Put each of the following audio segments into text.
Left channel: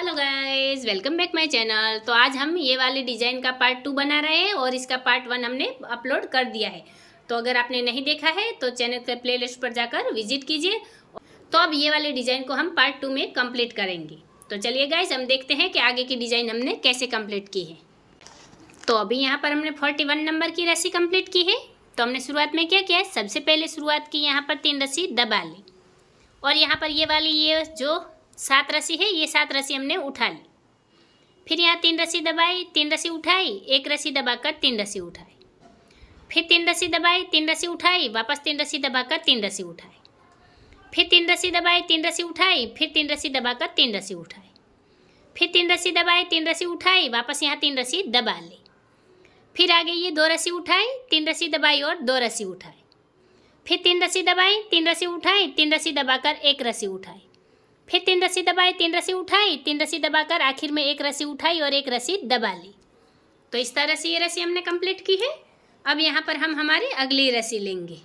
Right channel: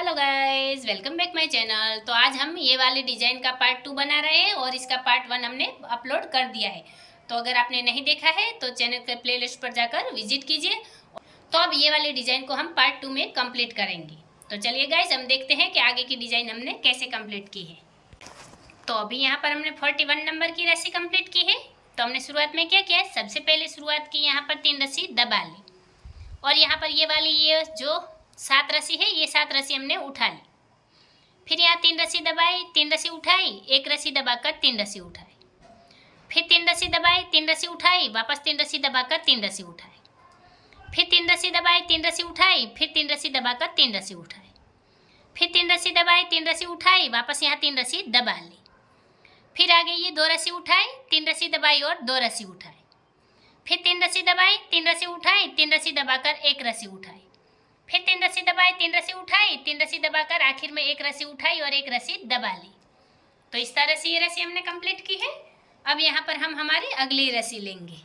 Hello guys, welcome back my channel. तो आज हम ये वाले डिज़ाइन का पार्ट 2 बना रहे हैं और इसका पार्ट 1 हमने अपलोड कर दिया है। तो अगर आपने नहीं देखा है तो चैनल के प्लेलिस्ट पर जाकर विजिट कीजिए। तो अब ये वाले डिज़ाइन को हम पार्ट 2 में कंप्लीट करेंगे। तो चलिए गाइस, हम देखते हैं कि आगे की डिज़ाइन हमने कैसे कंप्लीट की है। तो अभी यहाँ पर हमने 41 नंबर की रस्सी कंप्लीट की है। तो हमने शुरुआत में क्या किया है, सबसे पहले शुरुआत की यहाँ पर 3 रस्सी दबा ली और यहाँ पर ये वाली ये जो 7 रस्सी है, ये 7 रस्सी हमने उठा ली। फिर यहाँ 3 रस्सी दबाई, 3 रस्सी उठाई, 1 रस्सी दबाकर 3 रस्सी उठाई। फिर 3 रस्सी दबाई, 3 रस्सी उठाई, वापस 3 रस्सी दबाकर 3 रस्सी उठाई। फिर 3 रस्सी दबाई, 3 रस्सी उठाई, फिर 3 रस्सी दबाकर 3 रस्सी उठाई। फिर 3 रस्सी दबाई, 3 रस्सी उठाई, वापस यहाँ 3 रस्सी दबा ली। फिर आगे ये 2 रस्सी उठाई, 3 रस्सी दबाई और 2 रस्सी उठाई। फिर 3 रस्सी दबाई, 3 रस्सी उठाई, 3 रस्सी दबाकर 1 रस्सी उठाई। फिर 3 रस्सी दबाई, 3 रस्सी उठाई, 3 रस्सी दबाकर आखिर में 1 रस्सी उठाई और 1 रस्सी दबा ली। तो इस तरह से ये रस्सी हमने कंप्लीट की है। अब यहाँ पर हम हमारी अगली रस्सी लेंगे।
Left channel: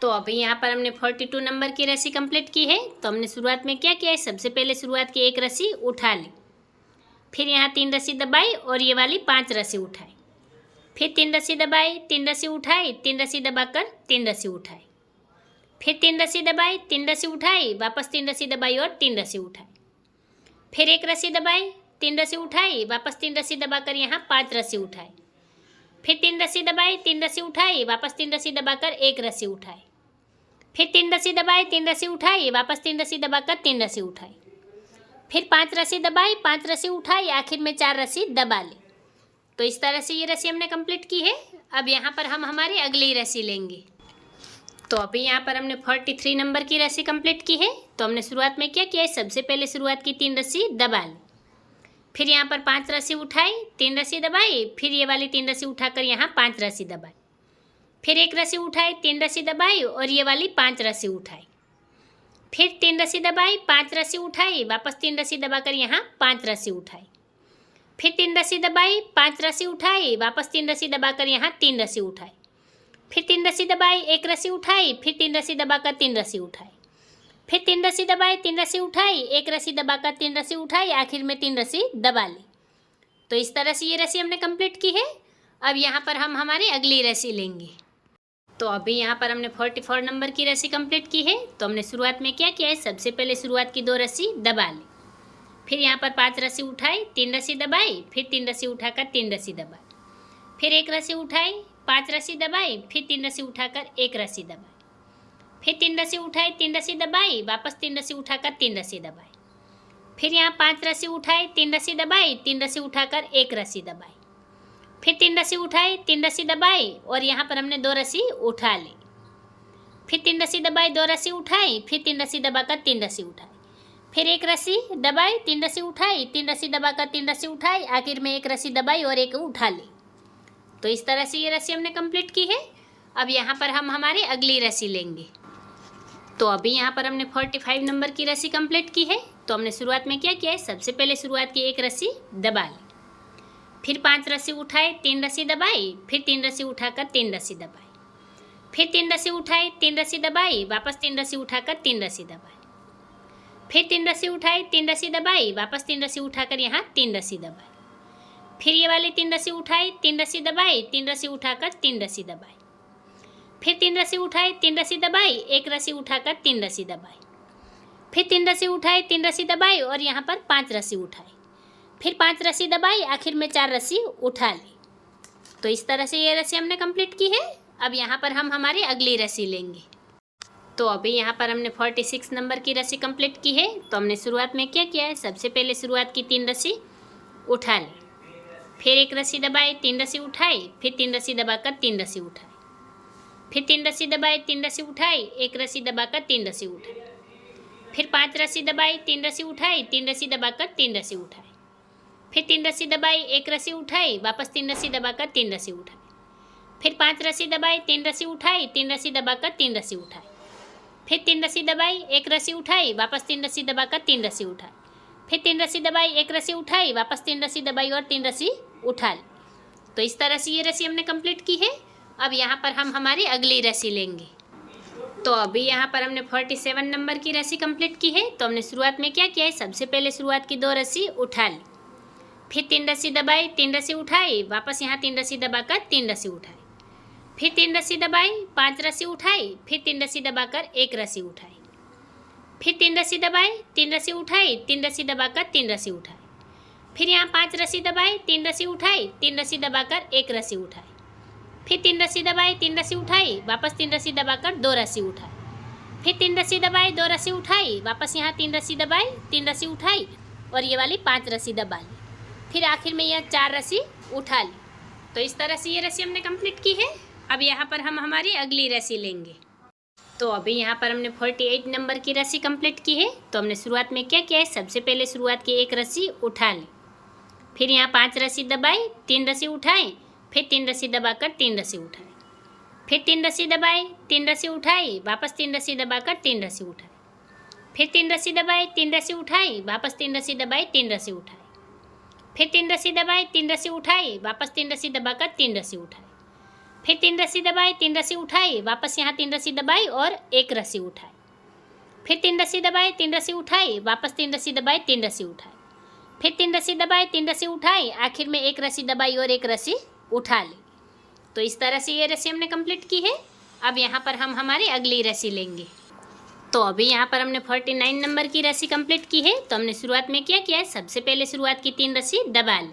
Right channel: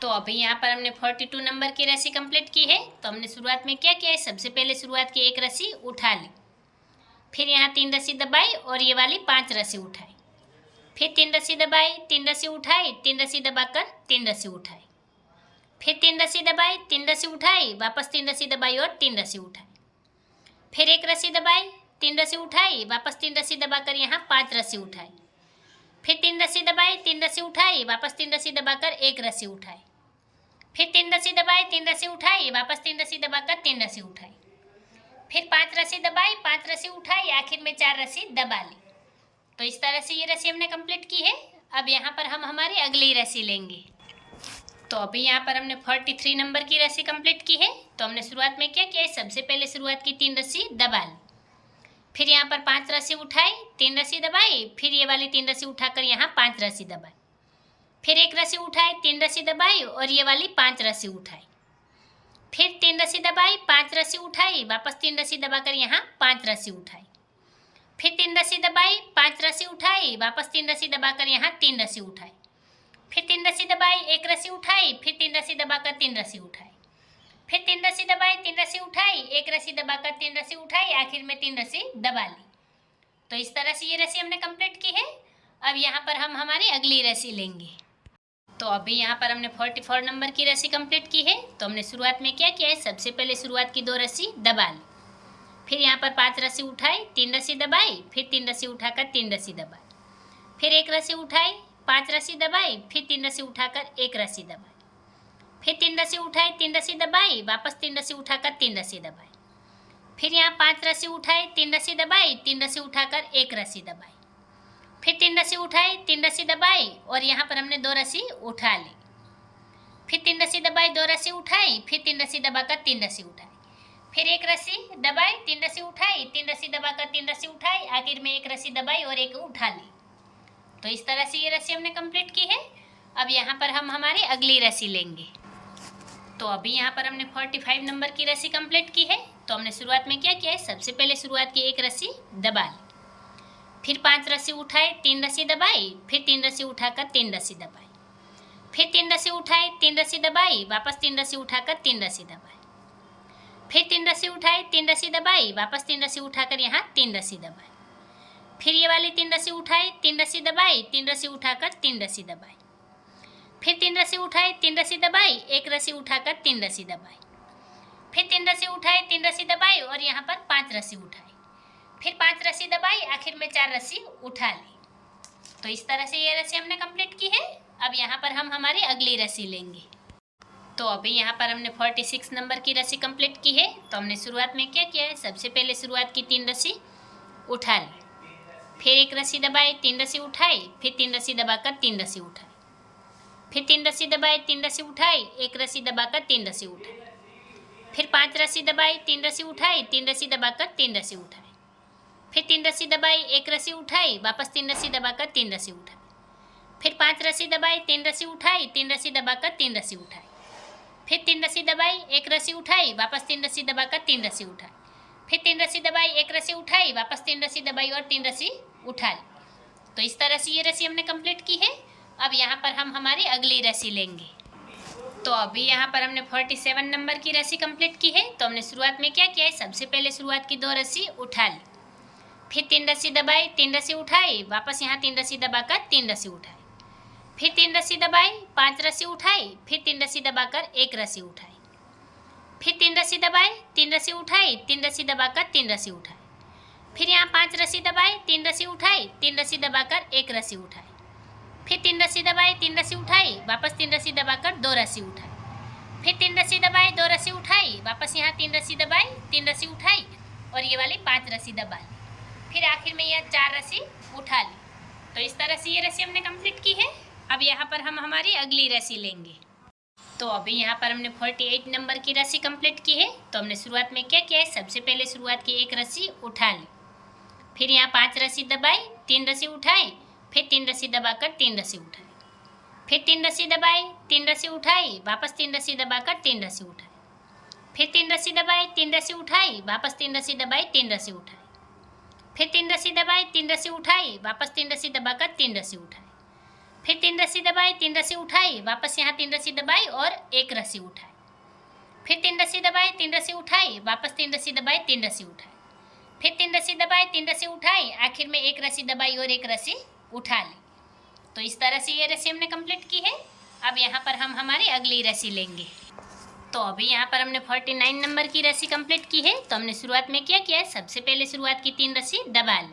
तो अभी यहाँ पर हमने 42 नंबर की रस्सी कंप्लीट की है। तो हमने शुरुआत में क्या किया है, सबसे पहले शुरुआत की 1 रस्सी उठा ली। फिर यहाँ 3 रस्सी दबाई और ये वाली 5 रस्सी उठाई। फिर 3 रस्सी दबाई, 3 रस्सी उठाई, 3 रस्सी दबाकर 3 रस्सी उठाई। फिर 3 रस्सी दबाई, 3 रस्सी उठाई, वापस 3 रस्सी दबाई और 3 रस्सी उठाई। फिर 1 रस्सी दबाई, 3 रस्सी उठाई, वापस 3 रस्सी दबाकर यहाँ 5 रस्सी उठाई। फिर 3 रस्सी दबाई, 3 रस्सी उठाई, वापस 3 रस्सी दबाकर 1 रस्सी उठाई। फिर 3 रस्सी दबाई, 3 रस्सी उठाई, वापस 3 रस्सी दबाकर 3 रस्सी उठाई। फिर 5 रस्सी दबाई, 5 रस्सी उठाई, आखिर में 4 रस्सी दबा ली। तो इस तरह से ये रस्सी हमने कंप्लीट की है। अब यहाँ पर हम हमारी अगली रस्सी लेंगे। तो अभी यहाँ पर हमने 43 नंबर की रस्सी कंप्लीट की है। तो हमने शुरुआत में क्या किया है, सबसे पहले शुरुआत की 3 रस्सी दबा ली। फिर यहाँ पर 5 रस्सी उठाई, 3 रस्सी दबाई, फिर ये वाली 3 रस्सी उठाकर यहाँ 5 रस्सी दबाई। फिर 1 रस्सी उठाई, 3 रस्सी दबाई और ये वाली 5 रस्सी उठाई। फिर 3 रस्सी दबाई, 5 रस्सी उठाई, वापस 3 रस्सी दबाकर यहाँ 5 रस्सी उठाई। फिर 3 रस्सी दबाई, 5 रस्सी उठाई, वापस 3 रस्सी दबाकर यहाँ 3 रस्सी उठाई। फिर 3 रस्सी दबाई, 1 रस्सी उठाई, फिर 3 रस्सी दबाकर 3 रस्सी उठाई। फिर 3 रस्सी दबाई, 3 रस्सी उठाई, 1 रस्सी दबाकर 3 रस्सी उठाई, आखिर में 3 रस्सी दबा ली। तो इस तरह से ये रस्सी हमने कंप्लीट की है। अब यहाँ पर हम हमारी अगली रस्सी लेंगे। तो अभी यहाँ पर हमने 44 नंबर की रस्सी कंप्लीट की है। तो हमने शुरुआत में क्या किया है, सबसे पहले शुरुआत की 2 रस्सी दबा ली। फिर यहाँ पर 5 रस्सी उठाई, 3 रस्सी दबाई, फिर 3 रस्सी उठाकर 3 रस्सी दबाई। फिर 1 रस्सी उठाई, 5 रस्सी दबाई, फिर 3 रस्सी उठाकर 1 रस्सी दबाई। फिर 3 रस्सी उठाई, 3 रस्सी दबाई, वापस 3 रस्सी उठाकर 3 रस्सी दबाई। फिर यहाँ 5 रस्सी उठाई, 3 रस्सी दबाई, 3 रस्सी उठाकर 1 रस्सी दबाई। फिर 3 रस्सी उठाई, 3 रस्सी दबाई और यहाँ पर हमने 2 रस्सी उठा ली। फिर 3 रस्सी दबाई, 2 रस्सी उठाई, फिर 3 रस्सी दबाकर 3 रस्सी उठाई। फिर 1 रस्सी दबाई, 3 रस्सी उठाई, 3 रस्सी दबाकर 3 रस्सी उठाई, आखिर में 1 रस्सी दबाई और 1 उठा ली। तो इस तरह से ये रस्सी हमने कंप्लीट की है। अब यहाँ पर हम हमारी अगली रस्सी लेंगे। तो अभी यहाँ पर हमने 45 नंबर की रस्सी कंप्लीट की है। तो हमने शुरुआत में क्या किया है, सबसे पहले शुरुआत की 1 रस्सी दबा ली। फिर 5 रस्सी उठाई, 3 रस्सी दबाई, फिर 3 रस्सी उठाकर 3 रस्सी दबाई। फिर 3 रस्सी उठाई, 3 रस्सी दबाई, वापस 3 रस्सी उठाकर 3 रस्सी दबाई। फिर 3 रस्सी उठाई, 3 रस्सी दबाई, वापस 3 रस्सी उठाकर यहाँ 3 रस्सी दबाई। फिर ये वाली 3 रस्सी उठाई, 3 रस्सी दबाई, 3 रस्सी उठाकर 3 रस्सी दबाई। फिर 3 रस्सी उठाई, 3 रस्सी दबाई, 1 रस्सी उठाकर 3 रस्सी दबाई। फिर 3 रस्सी उठाई, 3 रस्सी दबाई और यहाँ पर 5 रस्सी उठाई। फिर 5 रस्सी दबाई, आखिर में 4 रस्सी उठा ली। तो इस तरह से ये रस्सी हमने कंप्लीट की है। अब यहाँ पर हम हमारी अगली रस्सी लेंगे। तो अभी यहाँ पर हमने 46 नंबर की रस्सी कंप्लीट की है। तो हमने शुरुआत में क्या किया है, सबसे पहले शुरुआत की 3 रस्सी उठा ली। फिर 1 रस्सी दबाई, 3 रस्सी उठाई, फिर 3 रस्सी दबाकर 3 रस्सी उठाई। फिर 3 रस्सी दबाई, 3 रस्सी उठाई, 1 रस्सी दबाकर 3 रस्सी उठाई। फिर 5 रस्सी दबाई, 3 रस्सी उठाई, 3 रस्सी दबाकर 3 रस्सी उठाई। फिर 3 रस्सी दबाई, 1 रस्सी उठाई, वापस 3 रस्सी दबाकर 3 रस्सी उठाई। फिर 5 रस्सी दबाई, 3 रस्सी उठाई, 3 रस्सी दबाकर 3 रस्सी उठाई। फिर 3 रस्सी दबाई, 1 रस्सी उठाई, वापस 3 रस्सी दबाकर 3 रस्सी उठाई। फिर 3 रस्सी दबाई, 1 रस्सी उठाई, वापस 3 रस्सी दबाई और 3 रस्सी उठा ली। तो इस तरह से ये रस्सी हमने कंप्लीट की है। अब यहाँ पर हम हमारी अगली रस्सी लेंगे। तो अभी यहाँ पर हमने 47 नंबर की रस्सी कंप्लीट की है। तो हमने शुरुआत में क्या किया है, सबसे पहले शुरुआत की 2 रस्सी उठा ली, फिर 3 रस्सी दबाई, 3 रस्सी उठाई, वापस यहाँ 3 रस्सी दबाकर 3 रस्सी उठाई, फिर 3 रस्सी दबाई, 5 रस्सी उठाई, फिर 3 रस्सी दबाकर 1 रस्सी उठाई, फिर 3 रस्सी दबाई, 3 रस्सी उठाई, 3 रस्सी दबाकर 3 रस्सी उठाई, फिर यहाँ 5 रस्सी दबाई, 3 रस्सी उठाई, 3 रस्सी दबाकर 1 रस्सी उठाई, फिर 3 रस्सी दबाई, 3 रस्सी उठाई, वापस 3 रस्सी दबाकर 2 रस्सी उठाई, फिर 3 रस्सी दबाई, 2 रस्सी उठाई, वापस यहाँ 3 रस्सी दबाई, 3 रस्सी उठाई और ये वाली 5 रस्सी दबा ली, फिर आखिर में यह 4 रस्सी उठा ली। तो इस तरह से ये रस्सी हमने कंप्लीट की है। अब यहाँ पर हम हमारी अगली रस्सी लेंगे। तो अभी यहाँ पर हमने 48 नंबर की रस्सी कंप्लीट की है। तो हमने शुरुआत में क्या किया है, सबसे पहले शुरुआत की 1 रस्सी उठा ली, फिर यहाँ 5 रस्सी दबाई, 3 रस्सी उठाई, फिर 3 रस्सी दबाकर 3 रस्सी उठाई, फिर 3 रस्सी दबाई, 3 रस्सी उठाई, वापस 3 रस्सी दबाकर 3 रस्सी उठाई, फिर 3 रस्सी दबाई, 3 रस्सी उठाई, वापस 3 रस्सी दबाई, 3 रस्सी उठाई, फिर 3 रस्सी दबाई, 3 रस्सी उठाई, वापस 3 रस्सी दबाकर 3 रस्सी उठाई, फिर 3 रस्सी दबाई, 3 रस्सी उठाई, वापस यहाँ 3 रस्सी दबाई और 1 रस्सी उठाई, फिर 3 रस्सी दबाई, 3 रस्सी उठाई, वापस 3 रस्सी दबाई, 3 रस्सी उठाई, फिर 3 रस्सी दबाई, 3 रस्सी उठाई, आखिर में 1 रस्सी दबाई और 1 रस्सी उठा ली। तो इस तरह से ये रस्सी हमने कंप्लीट की है। अब यहाँ पर हम हमारी अगली रस्सी लेंगे। तो अभी यहाँ पर हमने 49 नंबर की रस्सी कंप्लीट की है। तो हमने शुरुआत में क्या किया है, सबसे पहले शुरुआत की 3 रस्सी दबा ली,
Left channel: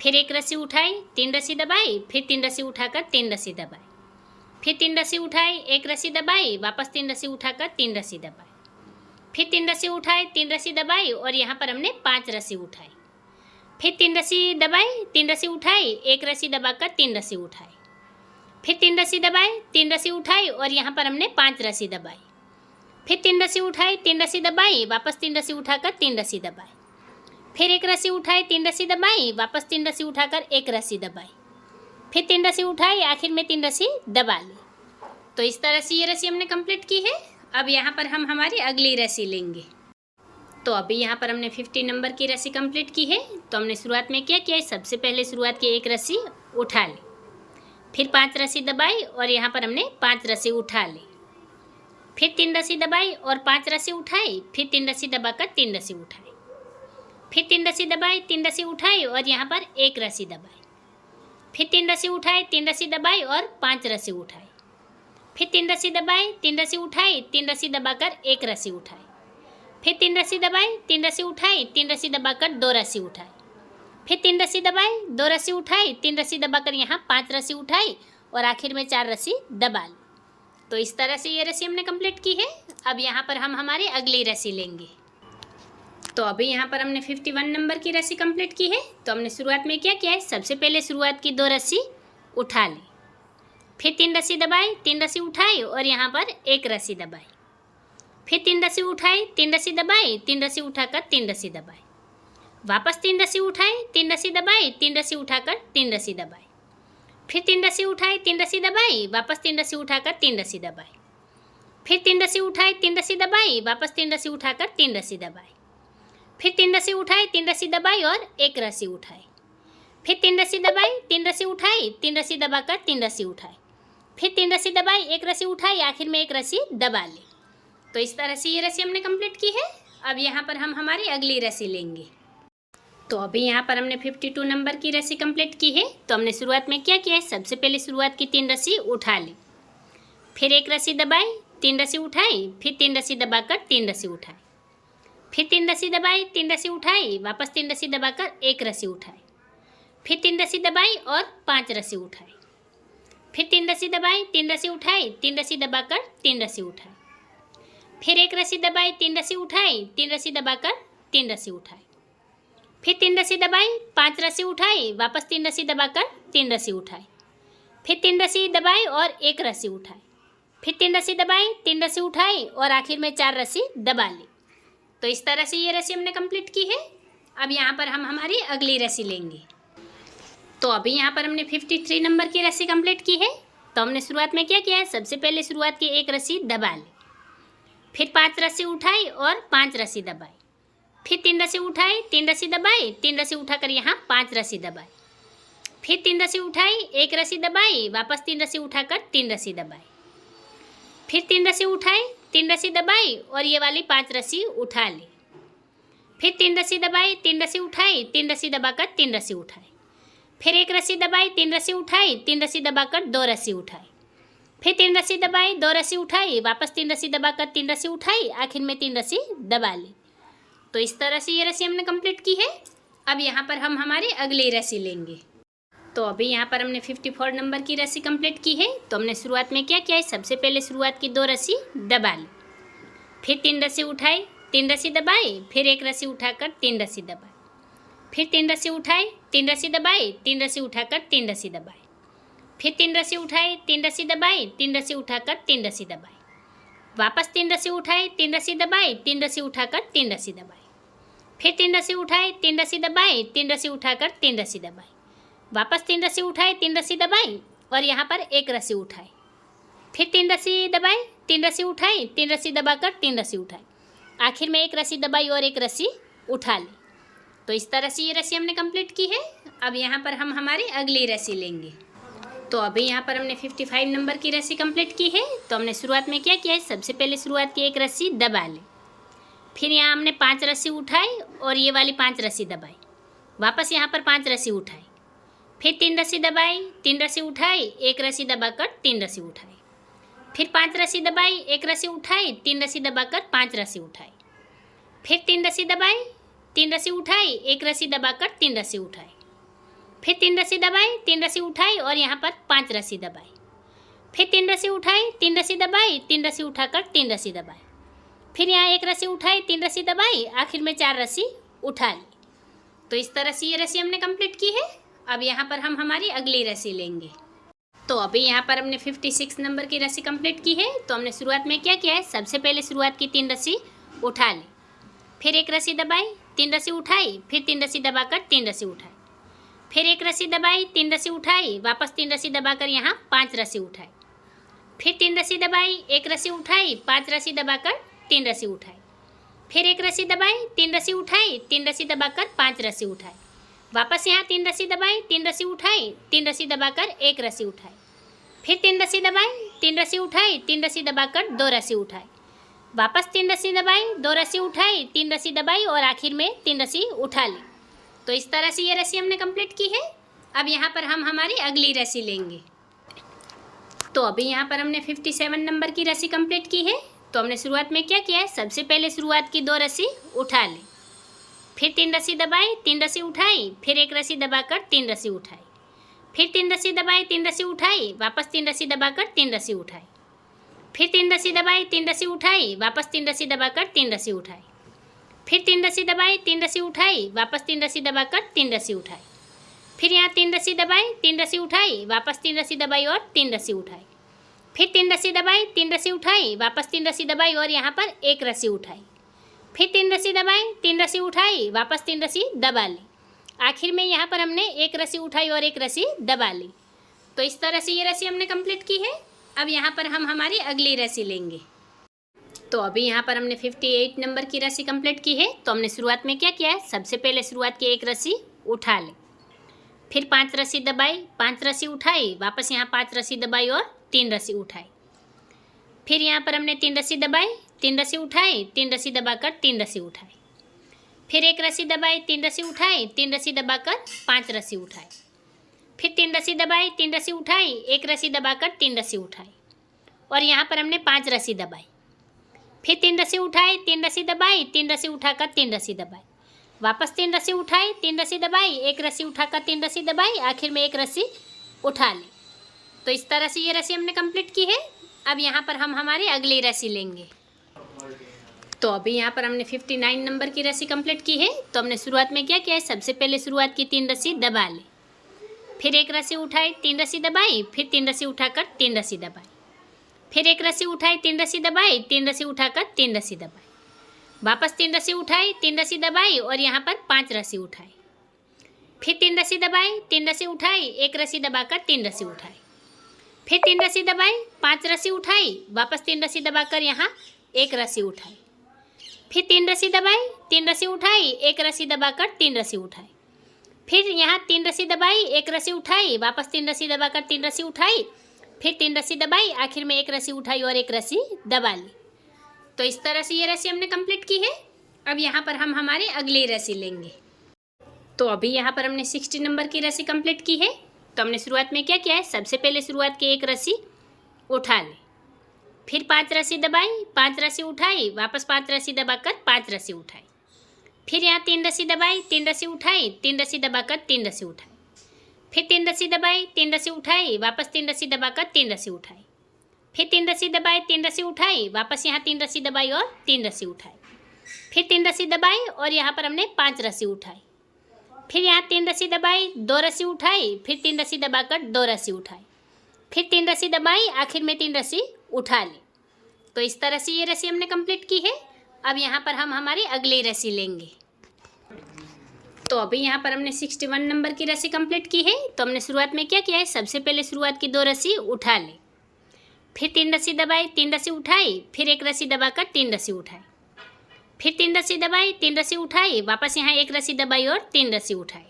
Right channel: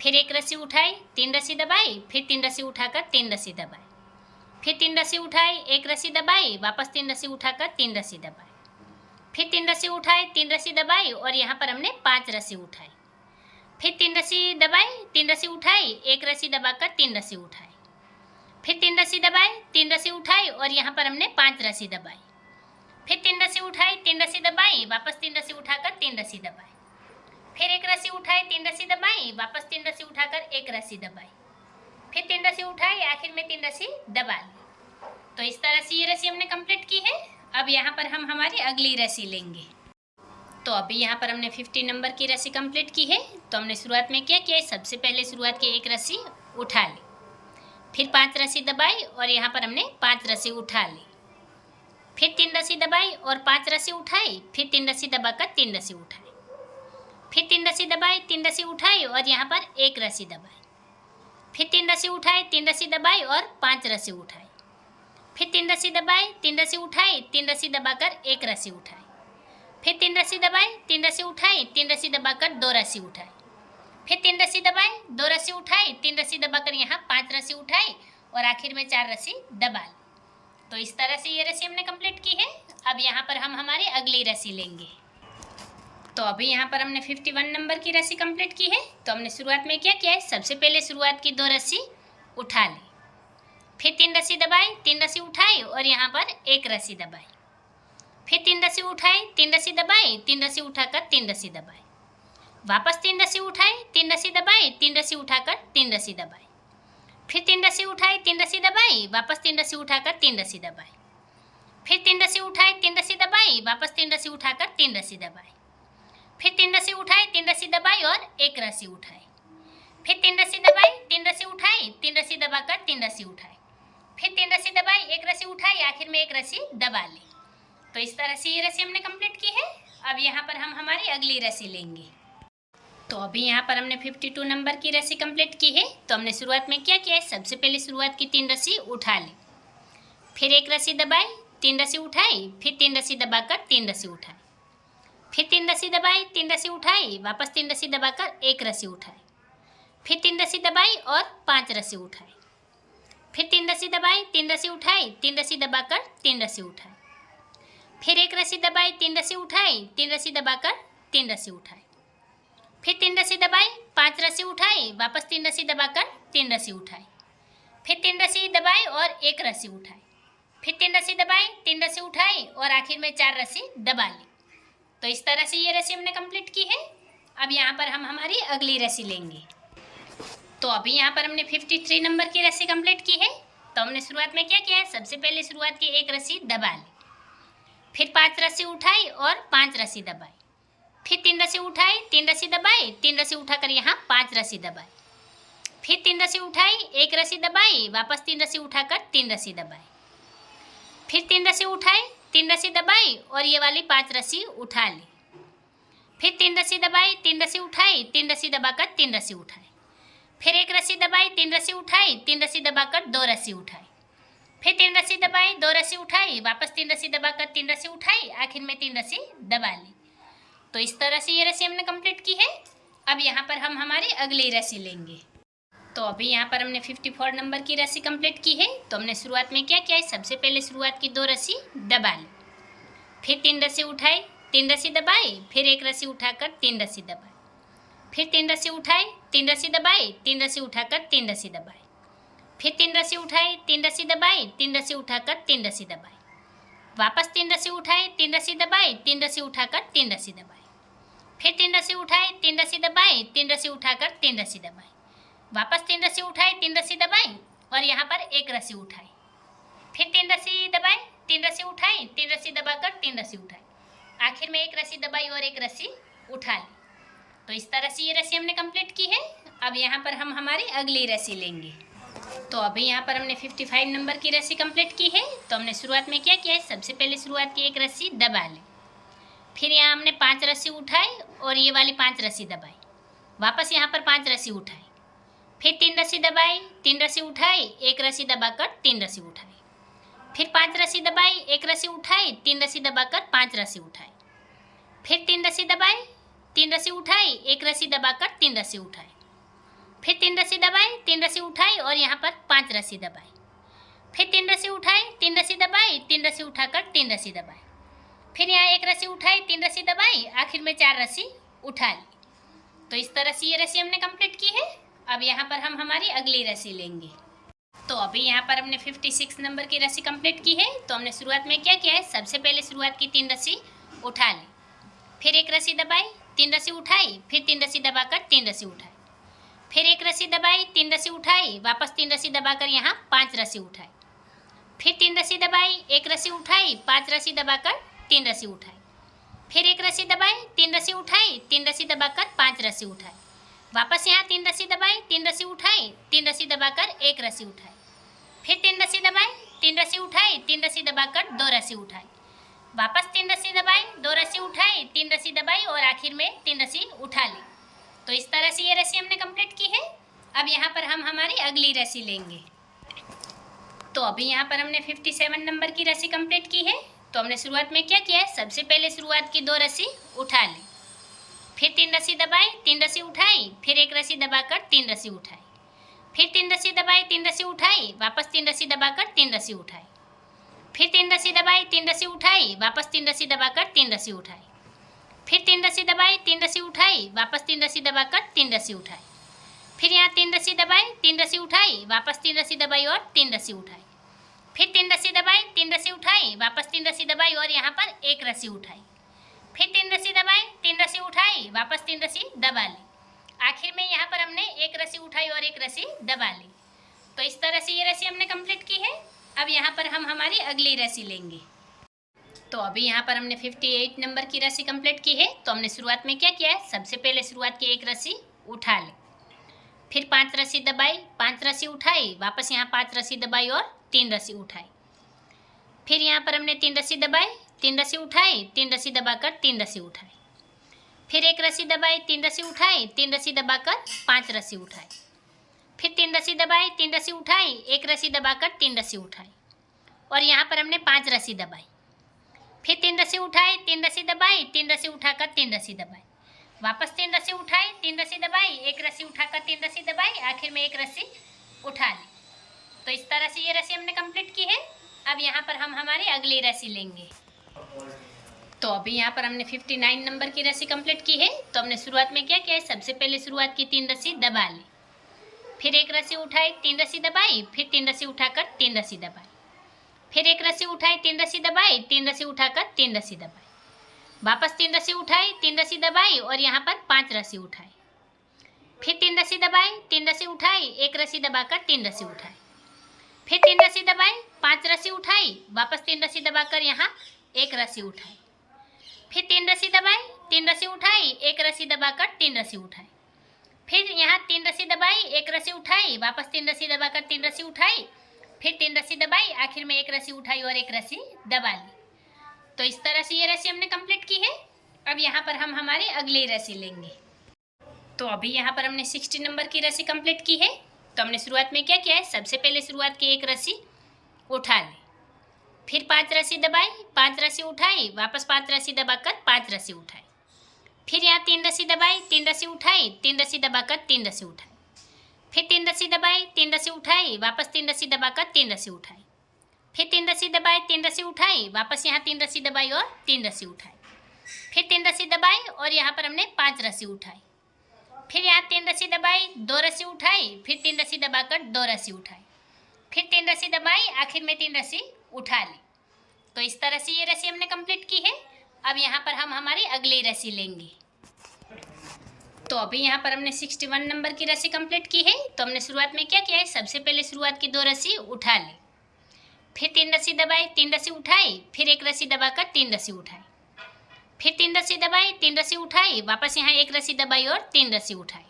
फिर 1 रस्सी उठाई, 3 रस्सी दबाई, फिर 3 रस्सी उठाकर 3 रस्सी दबाई, फिर 3 रस्सी उठाई, 1 रस्सी दबाई, वापस 3 रस्सी उठाकर 3 रस्सी दबाई, फिर 3 रस्सी उठाई, 3 रस्सी दबाई और यहाँ पर हमने 5 रस्सी उठाई, फिर 3 रस्सी दबाई, 3 रस्सी उठाई, 1 रस्सी दबाकर 3 रस्सी उठाई, फिर 3 रस्सी दबाई, 3 रस्सी उठाई और यहाँ पर हमने 5 रस्सी दबाई, फिर 3 रस्सी उठाई, 3 रस्सी दबाई, वापस 3 रस्सी उठाकर 3 रस्सी दबाई, फिर 1 रस्सी उठाई, 3 रस्सी दबाई, वापस 3 रस्सी उठाकर 1 रस्सी दबाई, फिर 3 रस्सी उठाई, आखिर में 3 रस्सी दबा ली। तो इस तरह से ये रस्सी हमने कंप्लीट की है। अब यहाँ पर हम हमारी अगली रस्सी लेंगे। तो अभी यहाँ पर हमने 50 नंबर की रस्सी कंप्लीट की है। तो हमने शुरुआत में क्या किया है, सबसे पहले शुरुआत की 1 रस्सी उठा ली, फिर 5 रस्सी दबाई और यहाँ पर हमने 5 रस्सी उठा ली, फिर 3 रस्सी दबाई और 5 रस्सी उठाई, फिर 3 रस्सी दबाकर 3 रस्सी उठाई, फिर 3 रस्सी दबाई, 3 रस्सी उठाई और यहाँ पर 1 रस्सी दबाई, फिर 3 रस्सी उठाई, 3 रस्सी दबाई और 5 रस्सी उठाई, फिर 3 रस्सी दबाई, 3 रस्सी उठाई, 3 रस्सी दबाकर 1 रस्सी उठाई, फिर 3 रस्सी दबाई, 3 रस्सी उठाई, 3 रस्सी दबाकर 2 रस्सी उठाई, फिर 3 रस्सी दबाई, 2 रस्सी उठाई, 3 रस्सी दबाकर यहाँ 5 रस्सी उठाई और आखिर में 4 रस्सी दबा ली। तो इस तरह से ये रस्सी हमने कंप्लीट की है। अब यहाँ पर हम हमारी अगली रस्सी लेंगे। तो अभी यहाँ पर हमने 51 नंबर की रस्सी कंप्लीट की है। तो हमने शुरुआत में क्या किया है, सबसे पहले शुरुआत की 2 रस्सी उठा ली, फिर 3 रस्सी दबाई, 3 रस्सी उठाई और यहाँ पर 1 रस्सी दबाई, फिर 3 रस्सी उठाई, 3 रस्सी दबाई, 3 रस्सी उठाकर 3 रस्सी दबाई, वापस 3 रस्सी उठाई, 3 रस्सी दबाई, 3 रस्सी उठाकर 3 रस्सी दबाई, फिर 3 रस्सी उठाई, 3 रस्सी दबाई, वापस 3 रस्सी उठाकर 3 रस्सी दबाई, फिर 3 रस्सी उठाई, 3 रस्सी दबाई, वापस 3 रस्सी उठाकर 3 रस्सी दबाई, फिर 3 रस्सी उठाई, 3 रस्सी दबाई और 1 रस्सी उठाई, फिर 3 रस्सी दबाई, 3 रस्सी उठाई, 3 रस्सी दबाकर 3 रस्सी उठाई, फिर 3 रस्सी दबाई, 1 रस्सी उठाई, आखिर में 1 रस्सी दबा ली। तो इस तरह से ये रस्सी हमने कंप्लीट की है। अब यहाँ पर हम हमारी अगली रस्सी लेंगे। तो अभी यहाँ पर हमने 52 नंबर की रस्सी कंप्लीट की है। तो हमने शुरुआत में क्या किया है, सबसे पहले शुरुआत की 3 रस्सी उठा ली, फिर 1 रस्सी दबाई, 3 रस्सी उठाई, फिर 3 रस्सी दबाकर 3 रस्सी उठाई, फिर 3 रस्सी दबाई, 3 रस्सी उठाई, वापस 3 रस्सी दबाकर 1 रस्सी उठाई, फिर 3 रस्सी दबाई और 5 रस्सी उठाई, फिर 3 रस्सी दबाई, 3 रस्सी उठाई, 3 रस्सी दबाकर 3 रस्सी उठाई, फिर 1 रस्सी दबाई, 3 रस्सी उठाई, 3 रस्सी दबाकर 3 रस्सी उठाई, फिर 3 रस्सी दबाई, 5 रस्सी उठाई, वापस 3 रस्सी दबाकर 3 रस्सी उठाई, फिर 3 रस्सी दबाई और 1 रस्सी उठाई, फिर 3 रस्सी दबाई, 3 रस्सी उठाई और आखिर में 4 रस्सी दबा ली। तो इस तरह से ये रस्सी हमने कंप्लीट की है। अब यहाँ पर हम हमारी अगली रस्सी लेंगे। तो अभी यहाँ पर हमने 53 नंबर की रस्सी कंप्लीट की है। तो हमने शुरुआत में क्या किया है, सबसे पहले शुरुआत की 1 रस्सी दबा ली, फिर 5 रस्सी उठाई और 5 रस्सी दबाई, फिर 3 रस्सी उठाई, 3 रस्सी दबाई, 3 रस्सी उठाकर यहाँ 5 रस्सी दबाई, फिर 3 रस्सी उठाई, 1 रस्सी दबाई, वापस 3 रस्सी उठाकर 3 रस्सी दबाई, फिर 3 रस्सी उठाई, 3 रस्सी दबाई और ये वाली 5 रस्सी उठा ली। फिर 3 रस्सी दबाई, 3 रस्सी उठाई, 3 रस्सी दबाकर 3 रस्सी उठाई। फिर 1 रस्सी दबाई, 3 रस्सी उठाई, 3 रस्सी दबाकर 2 रस्सी उठाई। फिर 3 रस्सी दबाई, 2 रस्सी उठाई, वापस 3 रस्सी दबाकर 3 रस्सी उठाई, आखिर में 3 रस्सी दबा ली। तो इस तरह से ये रस्सी हमने कंप्लीट की है। अब यहाँ पर हम हमारी अगली रस्सी लेंगे। तो अभी यहाँ पर हमने 54 नंबर की रस्सी कंप्लीट की है। तो हमने शुरुआत में क्या किया है, सबसे पहले शुरुआत की 2 रस्सी दबा ली, फिर 3 रस्सी उठाई, 3 रस्सी दबाई, फिर 1 रस्सी उठाकर 3 रस्सी दबाई, फिर 3 रस्सी उठाई, 3 रस्सी दबाई, 3 रस्सी उठाकर 3 रस्सी दबाई, फिर 3 रस्सी उठाई, 3 रस्सी दबाई, 3 रस्सी उठाकर 3 रस्सी दबाई, वापस 3 रस्सी उठाई, 3 रस्सी दबाई, 3 रस्सी उठाकर 3 रस्सी दबाई, फिर 3 रस्सी उठाई, 3 रस्सी दबाई, 3 रस्सी उठाकर 3 रस्सी दबाई, वापस 3 रस्सी उठाई, 3 रस्सी दबाई और यहाँ पर 1 रस्सी उठाई, फिर 3 रस्सी दबाई, 3 रस्सी उठाई, 3 रस्सी दबाकर 3 रस्सी उठाई, आखिर में 1 रस्सी दबाई और 1 रस्सी उठा ली। तो इस तरह से ये रस्सी हमने कंप्लीट की है। अब यहाँ पर हम हमारी अगली रस्सी लेंगे। तो अभी यहाँ पर हमने 55 नंबर की रस्सी कंप्लीट की है। तो हमने शुरुआत में क्या किया है, सबसे पहले शुरुआत की 1 रस्सी दबा ली, फिर यहाँ हमने 5 रस्सी उठाई और ये वाली 5 रस्सी दबाई, वापस यहाँ पर 5 रस्सी उठाई, फिर 3 रस्सी दबाई, 3 रस्सी उठाई, 1 रस्सी दबाकर 3 रस्सी उठाई, फिर 5 रस्सी दबाई, 1 रस्सी उठाई, 3 रस्सी दबाकर 5 रस्सी उठाई, फिर 3 रस्सी दबाई, 3 रस्सी उठाई, 1 रस्सी दबाकर 3 रस्सी उठाई, फिर 3 रस्सी दबाई, 3 रस्सी उठाई और यहाँ पर 5 रस्सी दबाई, फिर 3 रस्सी उठाई, 3 रस्सी दबाई, 3 रस्सी उठाकर 3 रस्सी दबाई, फिर यहाँ 1 रस्सी उठाई, 3 रस्सी दबाई, आखिर में 4 रस्सी उठा ली। तो इस तरह से ये रस्सी हमने कंप्लीट की है। अब यहाँ पर हम हमारी अगली रस्सी लेंगे। तो अभी यहाँ पर हमने 56 नंबर की रस्सी कंप्लीट की है। तो हमने शुरुआत में क्या किया है, सबसे पहले शुरुआत की 3 रस्सी उठा ली, फिर 1 रस्सी दबाई, 3 रस्सी उठाई, फिर 3 रस्सी दबाकर 3 रस्सी उठाई, फिर 1 रस्सी दबाई, 3 रस्सी उठाई, वापस 3 रस्सी दबाकर यहाँ 5 रस्सी उठाई, फिर 3 रस्सी दबाई, 1 रस्सी उठाई, 5 रस्सी दबाकर 3 रस्सी उठाई, फिर 1 रस्सी दबाई, 3 रस्सी उठाई, 3 रस्सी दबाकर 5 रस्सी उठाई, वापस यहाँ 3 रस्सी दबाई, 3 रस्सी उठाई, 3 रस्सी दबाकर 1 रस्सी उठाई, फिर 3 रस्सी दबाई, 3 रस्सी उठाई, 3 रस्सी दबाकर 2 रस्सी उठाई, वापस 3 रस्सी दबाई, 2 रस्सी उठाई, 3 रस्सी दबाई और आखिर में 3 रस्सी उठा ली। तो इस तरह से ये रस्सी हमने कंप्लीट की है। अब यहाँ पर हम हमारी अगली रस्सी लेंगे। तो अभी यहाँ पर हमने 57 नंबर की रस्सी कंप्लीट की है। तो हमने शुरुआत में क्या किया है, सबसे पहले शुरुआत की 2 रस्सी उठा ली, फिर 3 रस्सी दबाई, 3 रस्सी उठाई, फिर 1 रस्सी दबाकर 3 रस्सी उठाई, फिर 3 रस्सी दबाई, 3 रस्सी उठाई, वापस 3 रस्सी दबाकर 3 रस्सी उठाई, फिर 3 रस्सी दबाई, 3 रस्सी उठाई, वापस 3 रस्सी दबाकर 3 रस्सी उठाई, फिर 3 रस्सी दबाई, 3 रस्सी उठाई, वापस 3 रस्सी दबाकर 3 रस्सी उठाई, फिर यहाँ 3 रस्सी दबाई, 3 रस्सी उठाई, वापस 3 रस्सी दबाई और 3 रस्सी उठाई, फिर 3 रस्सी दबाई, 3 रस्सी उठाई, वापस 3 रस्सी दबाई और यहाँ पर 1 रस्सी उठाई, फिर 3 रस्सी दबाई, 3 रस्सी उठाई, वापस 3 रस्सी दबा ली, आखिर में यहाँ पर हमने 1 रस्सी उठाई और 1 रस्सी दबा ली। तो इस तरह से ये रस्सी हमने कंप्लीट की है। अब यहाँ पर हम हमारी अगली रस्सी लेंगे। तो अभी यहाँ पर हमने 58 नंबर की रस्सी कंप्लीट की है। तो हमने शुरुआत में क्या किया है, सबसे पहले शुरुआत की 1 रस्सी उठा ली, फिर 5 रस्सी दबाई, 5 रस्सी उठाई, वापस यहाँ 5 रस्सी दबाई और 3 रस्सी उठाई, फिर यहाँ पर हमने 3 रस्सी दबाई, 3 रस्सी उठाई, 3 रस्सी दबाकर 3 रस्सी उठाई, फिर 1 रस्सी दबाई, 3 रस्सी उठाई, 3 रस्सी दबाकर 5 रस्सी उठाई, फिर 3 रस्सी दबाई, 3 रस्सी उठाई, 1 रस्सी दबाकर 3 रस्सी उठाई और यहाँ पर हमने 5 रस्सी दबाई, फिर 3 रस्सी उठाई, 3 रस्सी दबाई, 3 रस्सी उठाकर 3 रस्सी दबाई, वापस 3 रस्सी उठाई, 3 रस्सी दबाई, 1 रस्सी उठाकर 3 रस्सी दबाई, आखिर में 1 रस्सी उठा ली। तो इस तरह से ये रस्सी हमने कंप्लीट की है। अब यहाँ पर हम हमारी अगली रस्सी लेंगे। तो अभी यहाँ पर हमने 59 नंबर की रस्सी कंप्लीट की है। तो हमने शुरुआत में क्या किया है, सबसे पहले शुरुआत की 3 रस्सी दबा ली, फिर 1 रस्सी उठाई, 3 रस्सी दबाई, फिर 3 रस्सी उठाकर 3 रस्सी दबाई, फिर 1 रस्सी उठाई, 3 रस्सी दबाई, 3 रस्सी उठाकर 3 रस्सी दबाई, वापस 3 रस्सी उठाई, 3 रस्सी दबाई और यहाँ पर 5 रस्सी उठाई, फिर 3 रस्सी दबाई, 3 रस्सी उठाई, 1 रस्सी दबाकर 3 रस्सी उठाई, फिर 3 रस्सी दबाई, 5 रस्सी उठाई, वापस 3 रस्सी दबाकर यहाँ 1 रस्सी उठाई, फिर 3 रस्सी दबाई, 3 रस्सी उठाई, 1 रस्सी दबाकर 3 रस्सी उठाई, फिर यहाँ 3 रस्सी दबाई, 1 रस्सी उठाई, वापस 3 रस्सी दबाकर 3 रस्सी उठाई, फिर 3 रस्सी दबाई, आखिर में एक रस्सी उठाई और एक रस्सी दबा ली। तो इस तरह से ये रस्सी हमने कंप्लीट की है। अब यहाँ पर हम हमारी अगली रस्सी लेंगे। तो अभी यहाँ पर हमने 60 नंबर की रस्सी कंप्लीट की है। तो हमने शुरुआत में क्या किया है, सबसे पहले शुरुआत की एक रस्सी उठा ली, फिर 5 रस्सी दबाई, 5 रस्सी उठाई, वापस 5 रस्सी दबाकर 5 रस्सी उठाई, फिर यहाँ 3 रस्सी दबाई, 3 रस्सी उठाई, 3 रस्सी दबाकर 3 रस्सी उठाई, फिर 3 रस्सी दबाई, 3 रस्सी उठाई, वापस 3 रस्सी दबाकर 3 रस्सी उठाई, फिर 3 रस्सी दबाई, 3 रस्सी उठाई, वापस यहाँ 3 रस्सी दबाई और 3 रस्सी उठाई, फिर 3 रस्सी दबाई और यहाँ पर हमने 5 रस्सी उठाई, फिर यहाँ 3 रस्सी दबाई, 2 रस्सी उठाई, फिर 3 रस्सी दबाकर 2 रस्सी उठाई, फिर 3 रस्सी दबाई, आखिर में 3 रस्सी उठा ली। तो इस तरह से ये रस्सी हमने कंप्लीट की है। अब यहाँ पर हम हमारी अगली रस्सी लेंगे। तो अभी यहाँ पर हमने 61 नंबर की रस्सी कंप्लीट की है। तो हमने शुरुआत में क्या किया है, सबसे पहले शुरुआत की 2 रस्सी उठा ली, फिर 3 रस्सी दबाई, 3 रस्सी उठाई, फिर एक रस्सी दबाकर 3 रस्सी उठाई, फिर 3 रस्सी दबाई, 3 रस्सी उठाई, वापस यहाँ एक रस्सी दबाई और 3 रस्सी उठाई,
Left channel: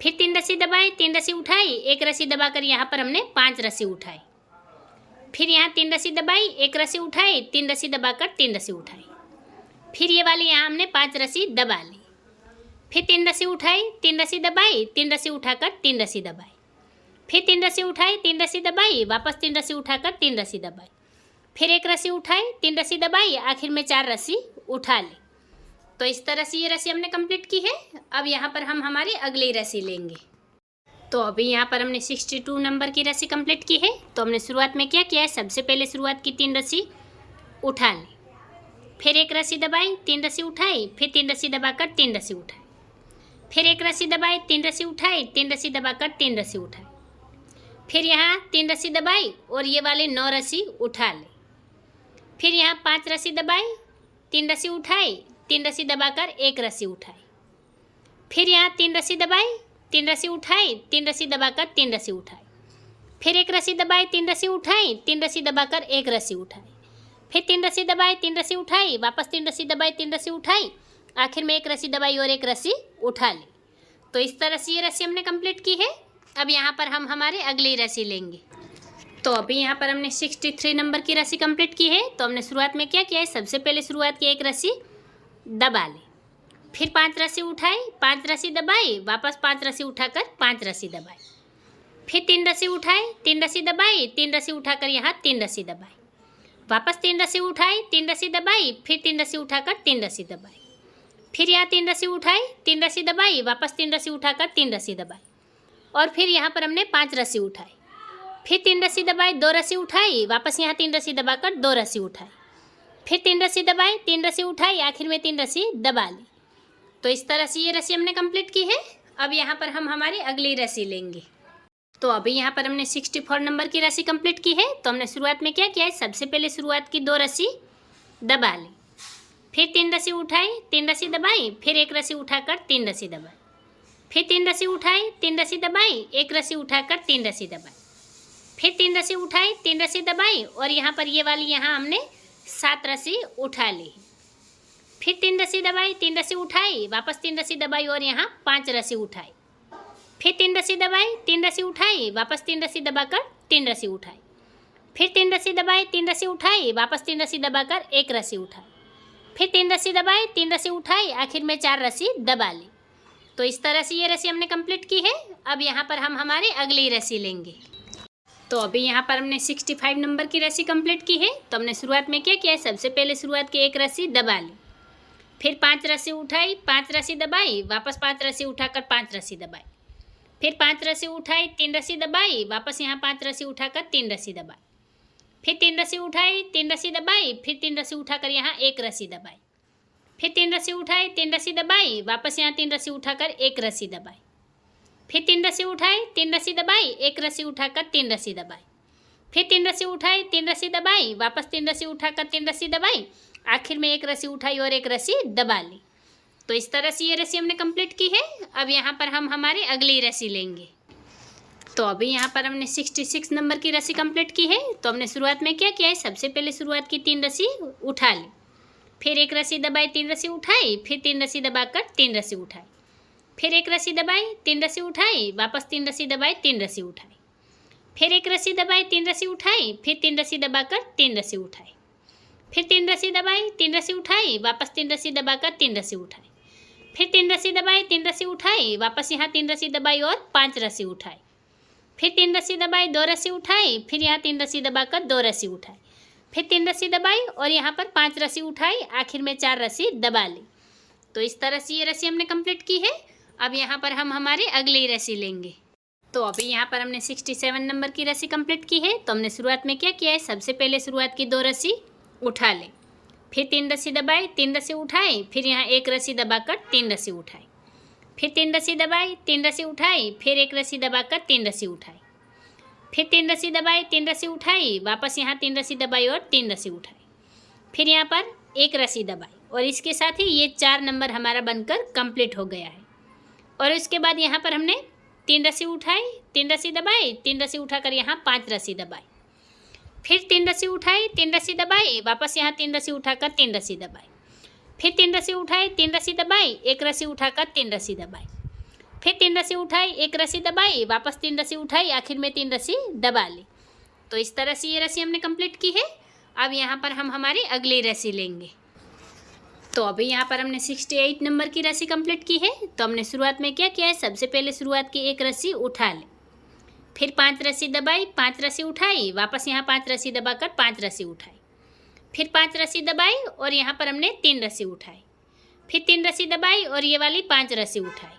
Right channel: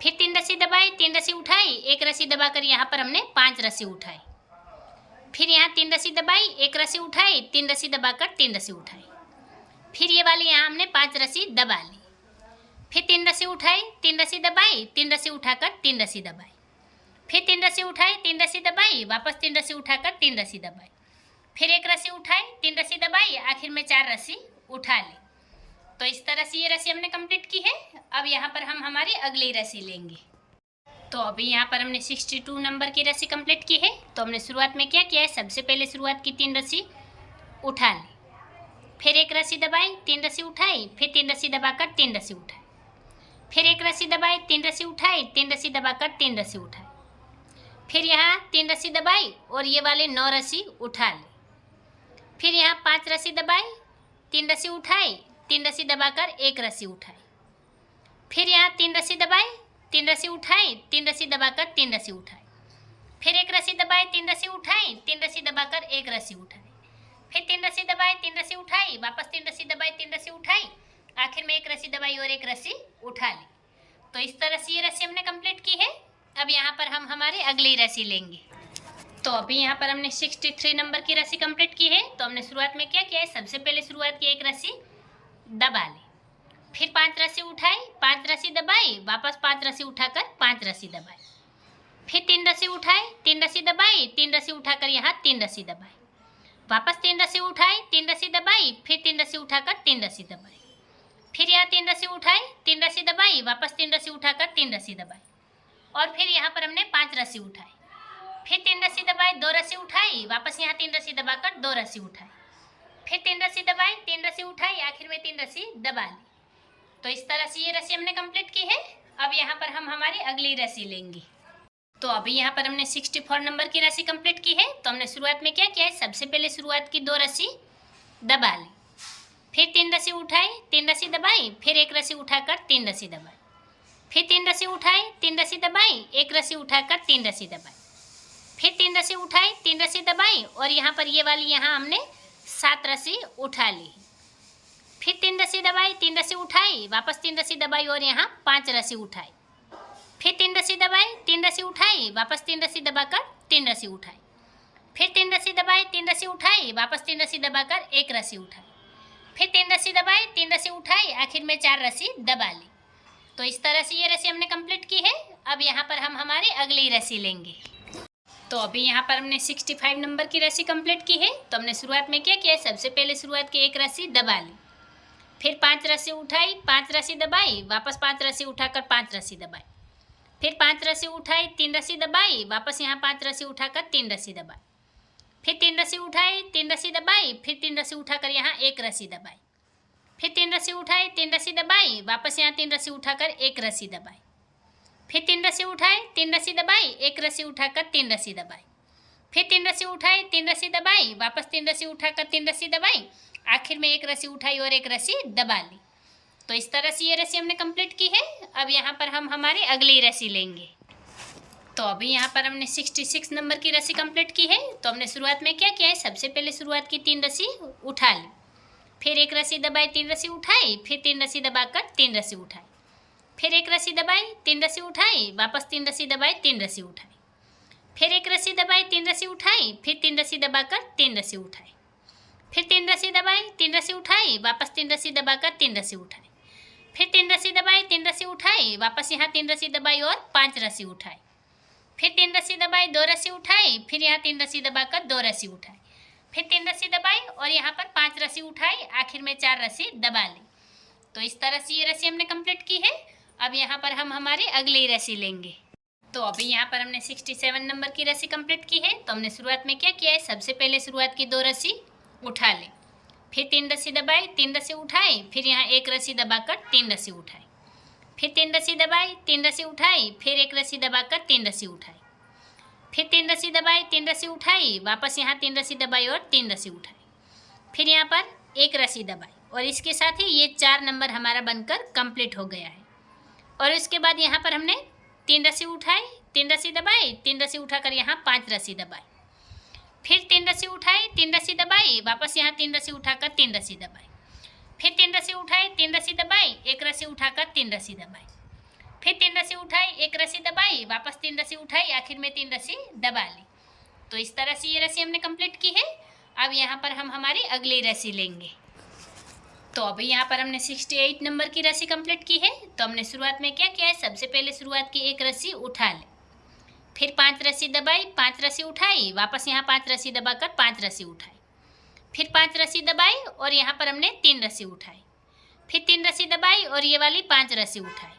फिर 3 रस्सी दबाई, 3 रस्सी उठाई, एक रस्सी दबाकर यहाँ पर हमने 5 रस्सी उठाई, फिर यहाँ 3 रस्सी दबाई, एक रस्सी उठाई, 3 रस्सी दबाकर 3 रस्सी उठाई, फिर ये वाली यहाँ हमने 5 रस्सी दबा ली, फिर 3 रस्सी उठाई, 3 रस्सी दबाई, 3 रस्सी उठाकर 3 रस्सी दबाई, फिर 3 रस्सी उठाई, 3 रस्सी दबाई, वापस 3 रस्सी उठाकर 3 रस्सी दबाई, फिर एक रस्सी उठाई, 3 रस्सी दबाई, आखिर में 4 रस्सी उठा ली। तो इस तरह से ये रस्सी हमने कंप्लीट की है। अब यहाँ पर हम हमारी अगली रस्सी लेंगे। तो अभी यहाँ पर हमने 62 नंबर की रस्सी कंप्लीट की है। तो हमने शुरुआत में क्या किया है, सबसे पहले शुरुआत की 3 रस्सी उठा ली, फिर एक रस्सी दबाई, 3 रस्सी उठाई, फिर 3 रस्सी दबाकर 3 रस्सी उठाई, फिर एक रस्सी दबाई, 3 रस्सी उठाई, 3 रस्सी दबाकर 3 रस्सी उठाई, फिर यहाँ 3 रस्सी दबाई और ये वाले 9 रस्सी उठा ली, फिर यहाँ 5 रस्सी दबाई, 3 रस्सी उठाई, 3 रस्सी दबाकर एक रस्सी उठाई, फिर यहाँ 3 रस्सी दबाई, 3 रस्सी उठाई, 3 रस्सी दबाकर 3 रस्सी उठाई, फिर एक रस्सी दबाई, 3 रस्सी उठाई, 3 रस्सी दबाकर एक रस्सी उठाई, फिर 3 रस्सी दबाई, 3 रस्सी उठाई, वापस 3 रस्सी दबाई, 3 रस्सी उठाई, आखिर में एक रस्सी दबाई और एक रस्सी उठा ली। तो इस तरह से ये रस्सी हमने कंप्लीट की है। अब यहाँ पर हम हमारी अगली रस्सी लेंगे। तो अभी यहाँ पर हमने 63 नंबर की रस्सी कंप्लीट की है। तो हमने शुरुआत में क्या किया है, सबसे पहले शुरुआत की एक रस्सी दबा ली, फिर 5 रस्सी उठाई, 5 रस्सी दबाई, वापस 5 रस्सी उठाकर 5 रस्सी दबाई, फिर 3 रस्सी उठाई, 3 रस्सी दबाई, 3 रस्सी उठाकर यहाँ 3 रस्सी दबाई, वापस 3 रस्सी उठाई, 3 रस्सी दबाई, फिर 3 रस्सी उठाकर 3 रस्सी दबाई, फिर यहाँ 3 रस्सी उठाई, 3 रस्सी दबाई, वापस 3 रस्सी उठाकर 3 रस्सी दबाई, और फिर यहाँ पर हमने 5 रस्सी उठाई, फिर 3 रस्सी दबाई, 2 रस्सी उठाई, वापस यहाँ 3 रस्सी दबाकर 2 रस्सी उठाई, फिर 3 रस्सी दबाई, 3 रस्सी उठाई, आखिर में 3 रस्सी दबा ली। तो इस तरह से ये रस्सी हमने कंप्लीट की है। अब यहाँ पर हम हमारी अगली रस्सी लेंगे। तो अभी यहाँ पर हमने 64 नंबर की रस्सी कंप्लीट की है। तो हमने शुरुआत में क्या किया है, सबसे पहले शुरुआत की 2 रस्सी दबा ली, फिर 3 रस्सी उठाई, 3 रस्सी दबाई, फिर एक रस्सी उठाकर 3 रस्सी दबाई, फिर 3 रस्सी उठाई, 3 रस्सी दबाई, एक रस्सी उठाकर 3 रस्सी दबाई, फिर 3 रस्सी उठाई, 3 रस्सी दबाई, और यहाँ पर ये वाली यहाँ हमने 7 रस्सी उठा ली, फिर 3 रस्सी दबाई, 3 रस्सी उठाई, वापस 3 रस्सी दबाई और यहाँ 5 रस्सी उठाई, फिर 3 रस्सी दबाई, 3 रस्सी उठाई, वापस 3 रस्सी दबाकर 3 रस्सी उठाई, फिर 3 रस्सी दबाई, 3 रस्सी उठाई, वापस 3 रस्सी दबाकर एक रस्सी उठाई, फिर 3 रस्सी दबाई, 3 रस्सी उठाई, आखिर में 4 रस्सी दबा ली। तो इस तरह से ये रस्सी हमने कंप्लीट की है। अब यहाँ पर हम हमारी अगली रस्सी लेंगे। तो अभी यहाँ पर हमने 65 नंबर की रस्सी कंप्लीट की है। तो हमने शुरुआत में क्या किया है, सबसे पहले शुरुआत की एक रस्सी दबा ली, फिर 5 रस्सी उठाई, 5 रस्सी दबाई, वापस 5 रस्सी उठाकर 5 रस्सी दबाई, फिर 5 रस्सी उठाई, 3 रस्सी दबाई, वापस यहाँ 5 रस्सी उठाकर 3 रस्सी दबाई, फिर 3 रस्सी उठाई, 3 रस्सी दबाई, फिर 3 रस्सी उठाकर यहाँ एक रस्सी दबाई, फिर 3 रस्सी उठाई, 3 रस्सी दबाई, वापस यहाँ 3 रस्सी उठाकर एक रस्सी दबाई, फिर 3 रस्सी उठाई, 3 रस्सी दबाई, एक रस्सी उठाकर 3 रस्सी दबाई, फिर 3 रस्सी उठाई, 3 रस्सी दबाई, वापस 3 रस्सी उठाकर 3 रस्सी दबाई, आखिर में एक रस्सी उठाई और एक रस्सी दबा ली। तो इस तरह से ये रस्सी हमने कंप्लीट की है। अब यहाँ पर हम हमारी अगली रस्सी लेंगे। तो अभी यहाँ पर हमने 66 नंबर की रस्सी कंप्लीट की है। तो हमने शुरुआत में क्या किया है, सबसे पहले शुरुआत की 3 रस्सी उठा ली, फिर एक रस्सी दबाई, 3 रस्सी उठाई, फिर 3 रस्सी दबाकर 3 रस्सी उठाई, फिर एक रस्सी दबाई, 3 रस्सी उठाई, वापस 3 रस्सी दबाई, 3 रस्सी उठाई, फिर एक रस्सी दबाई, 3 रस्सी उठाई, फिर 3 रस्सी दबाकर 3 रस्सी उठाई, फिर 3 रस्सी दबाई, 3 रस्सी उठाई, वापस 3 रस्सी दबाकर 3 रस्सी उठाई, फिर 3 रस्सी दबाई, 3 रस्सी उठाई, वापस यहाँ 3 रस्सी दबाई और 5 रस्सी उठाई, फिर 3 रस्सी दबाई, 2 रस्सी उठाई, फिर यहाँ 3 रस्सी दबाकर 2 रस्सी उठाई, फिर 3 रस्सी दबाई और यहाँ पर 5 रस्सी उठाई, आखिर में 4 रस्सी दबा ली। तो इस तरह से ये रस्सी हमने कंप्लीट की है। अब यहाँ पर हम हमारी अगली रस्सी लेंगे। तो अभी यहाँ पर हमने 67 नंबर की रस्सी कंप्लीट की है। तो हमने शुरुआत में क्या किया है, सबसे पहले शुरुआत की 2 रस्सी उठा लें, फिर 3 रस्सी दबाई, 3 रस्सी उठाई, फिर यहाँ 1 रस्सी दबाकर 3 रस्सी उठाई, फिर 3 रस्सी दबाई, 3 रस्सी उठाई, फिर 1 रस्सी दबाकर 3 रस्सी उठाई, फिर 3 रस्सी दबाई, 3 रस्सी उठाई, वापस यहाँ 3 रस्सी दबाई और 3 रस्सी उठाई, फिर यहाँ पर 1 रस्सी दबाई और इसके साथ ही ये 4 नंबर हमारा बनकर कंप्लीट हो गया है। और इसके बाद यहाँ पर हमने 3 रस्सी उठाई, 3 रस्सी दबाई, 3 रस्सी उठाकर यहाँ 5 रस्सी दबाई, फिर 3 रस्सी उठाई, 3 रस्सी दबाई, वापस यहाँ 3 रस्सी उठाकर 3 रस्सी दबाई, फिर 3 रस्सी उठाई, 3 रस्सी दबाई, 1 रस्सी उठाकर 3 रस्सी दबाई, फिर 3 रस्सी उठाई, 1 रस्सी दबाई, वापस 3 रस्सी उठाई, आखिर में 3 रस्सी दबा ली। तो इस तरह से ये रस्सी हमने कंप्लीट की है। अब यहाँ पर हम हमारी अगली रस्सी लेंगे। तो अभी यहाँ पर हमने 68 नंबर की रस्सी कंप्लीट की है। तो हमने शुरुआत में क्या किया है, सबसे पहले शुरुआत की 1 रस्सी उठा ले, फिर 5 रस्सी दबाई, 5 रस्सी उठाई, वापस यहाँ 5 रस्सी दबाकर 5 रस्सी उठाई, फिर 5 रस्सी दबाई और यहाँ पर हमने 3 रस्सी उठाई, फिर 3 रस्सी दबाई और ये वाली 5 रस्सी उठाई,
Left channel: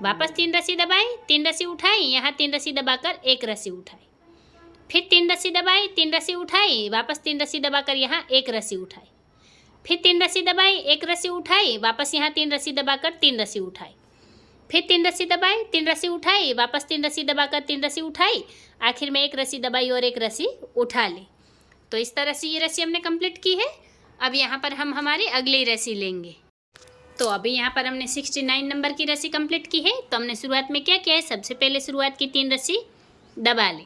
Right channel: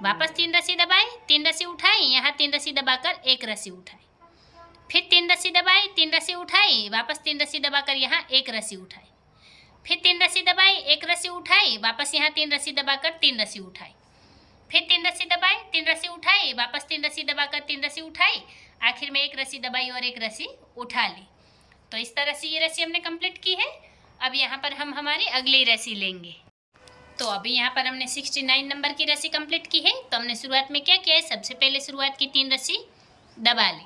वापस 3 रस्सी दबाई, 3 रस्सी उठाई, यहाँ 3 रस्सी दबाकर 1 रस्सी उठाई, फिर 3 रस्सी दबाई, 3 रस्सी उठाई, वापस 3 रस्सी दबाकर यहाँ 1 रस्सी उठाई, फिर 3 रस्सी दबाई, 1 रस्सी उठाई, वापस यहाँ 3 रस्सी दबाकर 3 रस्सी उठाई, फिर 3 रस्सी दबाई, 3 रस्सी उठाई, वापस 3 रस्सी दबाकर 3 रस्सी उठाई, आखिर में 1 रस्सी दबाई और 1 रस्सी उठा ली। तो इस तरह से ये रस्सी हमने कंप्लीट की है। अब यहाँ पर हम हमारी अगली रस्सी लेंगे। तो अभी यहाँ पर हमने 69 नंबर की रस्सी कंप्लीट की है। तो हमने शुरुआत में क्या किया है, सबसे पहले शुरुआत की 3 रस्सी दबा ली,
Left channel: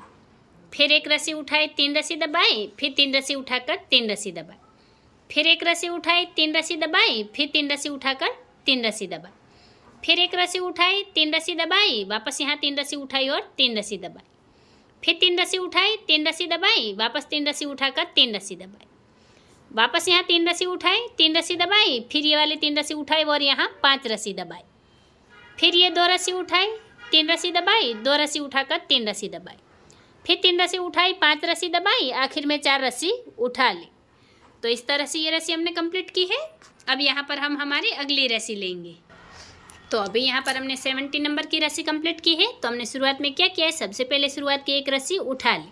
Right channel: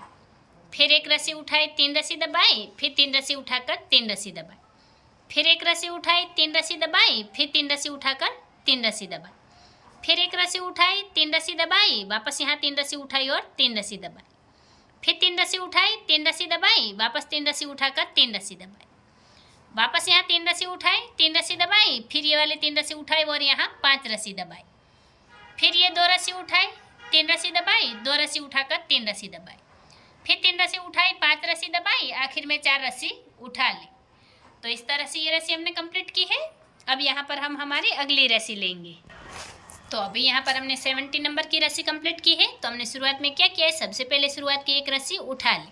फिर 1 रस्सी उठाई, 3 रस्सी दबाई, फिर 3 रस्सी उठाकर 3 रस्सी दबाई, फिर 1 रस्सी उठाई, 3 रस्सी दबाई, फिर 3 रस्सी उठाकर 3 रस्सी दबाई, फिर 1 रस्सी उठाई, 3 रस्सी दबाई, वापस यहाँ 3 रस्सी उठाई और 3 रस्सी दबाई, फिर 3 रस्सी उठाई, 3 रस्सी दबाई, वापस 3 रस्सी उठाकर 3 रस्सी दबाई, वापस यहाँ 3 रस्सी उठाई, 3 रस्सी दबाई, फिर ये वाले 3 रस्सी उठाई और यहाँ 5 रस्सी दबाई, फिर ये 2 रस्सी उठाई, 3 रस्सी दबाई, 2 रस्सी उठाकर 3 रस्सी दबाई, फिर 3 रस्सी उठाई, 5 रस्सी दबाई, आखिर में 4 रस्सी उठा ली। तो इस तरह से ये रस्सी हमने कंप्लीट की है। अब यहाँ पर हम हमारी अगली रस्सी लेंगे। तो अभी यहाँ पर हमने 70 नंबर की रस्सी कंप्लीट की है। तो हमने शुरुआत में क्या किया है, सबसे पहले शुरुआत की 1 रस्सी उठा ली,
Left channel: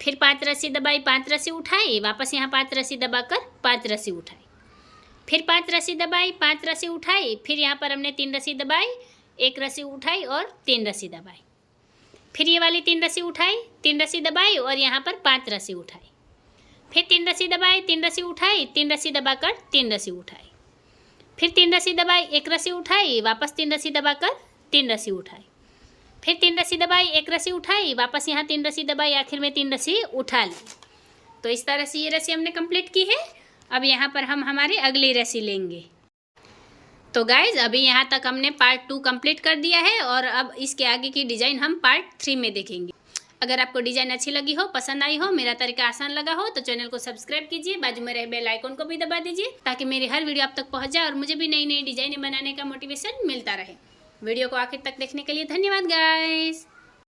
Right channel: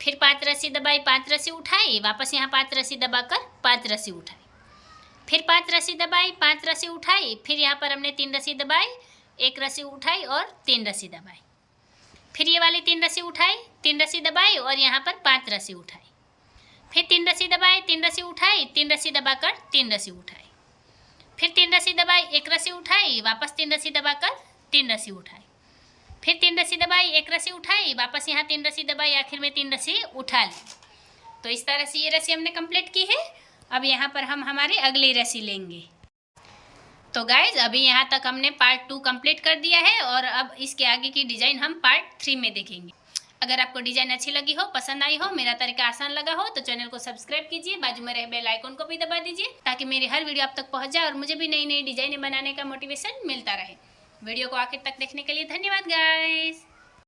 फिर 5 रस्सी दबाई, 5 रस्सी उठाई, वापस यहाँ 5 रस्सी दबाकर 5 रस्सी उठाई, फिर 5 रस्सी दबाई, 5 रस्सी उठाई, फिर यहाँ पर हमने 3 रस्सी दबाई, 1 रस्सी उठाई और 3 रस्सी दबाई, फिर ये वाली 3 रस्सी उठाई, 3 रस्सी दबाई और यहाँ पर 5 रस्सी उठाई, फिर 3 रस्सी दबाई, 3 रस्सी उठाई, 3 रस्सी दबाकर 3 रस्सी उठाई, फिर 3 रस्सी दबाई, 1 रस्सी उठाई, वापस 3 रस्सी दबाकर 3 रस्सी उठाई, फिर 3 रस्सी दबाई, 1 रस्सी उठाई, वापस यहाँ 3 रस्सी दबाई, आखिर में 3 रस्सी उठा ली। तो इस तरह से ये रस्सी हमने कंप्लीट की है। अब यहाँ पर हम हमारी अगली रस्सी लेंगे। तो गाइज अभी यहाँ तक हमने पार्ट 2 कंप्लीट कर दिया है और अब इसके आगे की डिज़ाइन हम पार्ट 3 में देखेंगे। अगर आपको डिज़ाइन अच्छी लगी हो, पसंद आई हो, मेरा तरीका आसान लगा हो तो चैनल को सब्सक्राइब कीजिए, बाजू में रहे बेल आइकन को भी दबा दीजिए ताकि मेरी हर वीडियो आप तक पहुंच जाए और मुझे भी नई नई डिज़ाइनें बनाने का मोटिवेशन मिलता रहे। वीडियो को आखिर तक देखने के लिए धन्यवाद गाइस।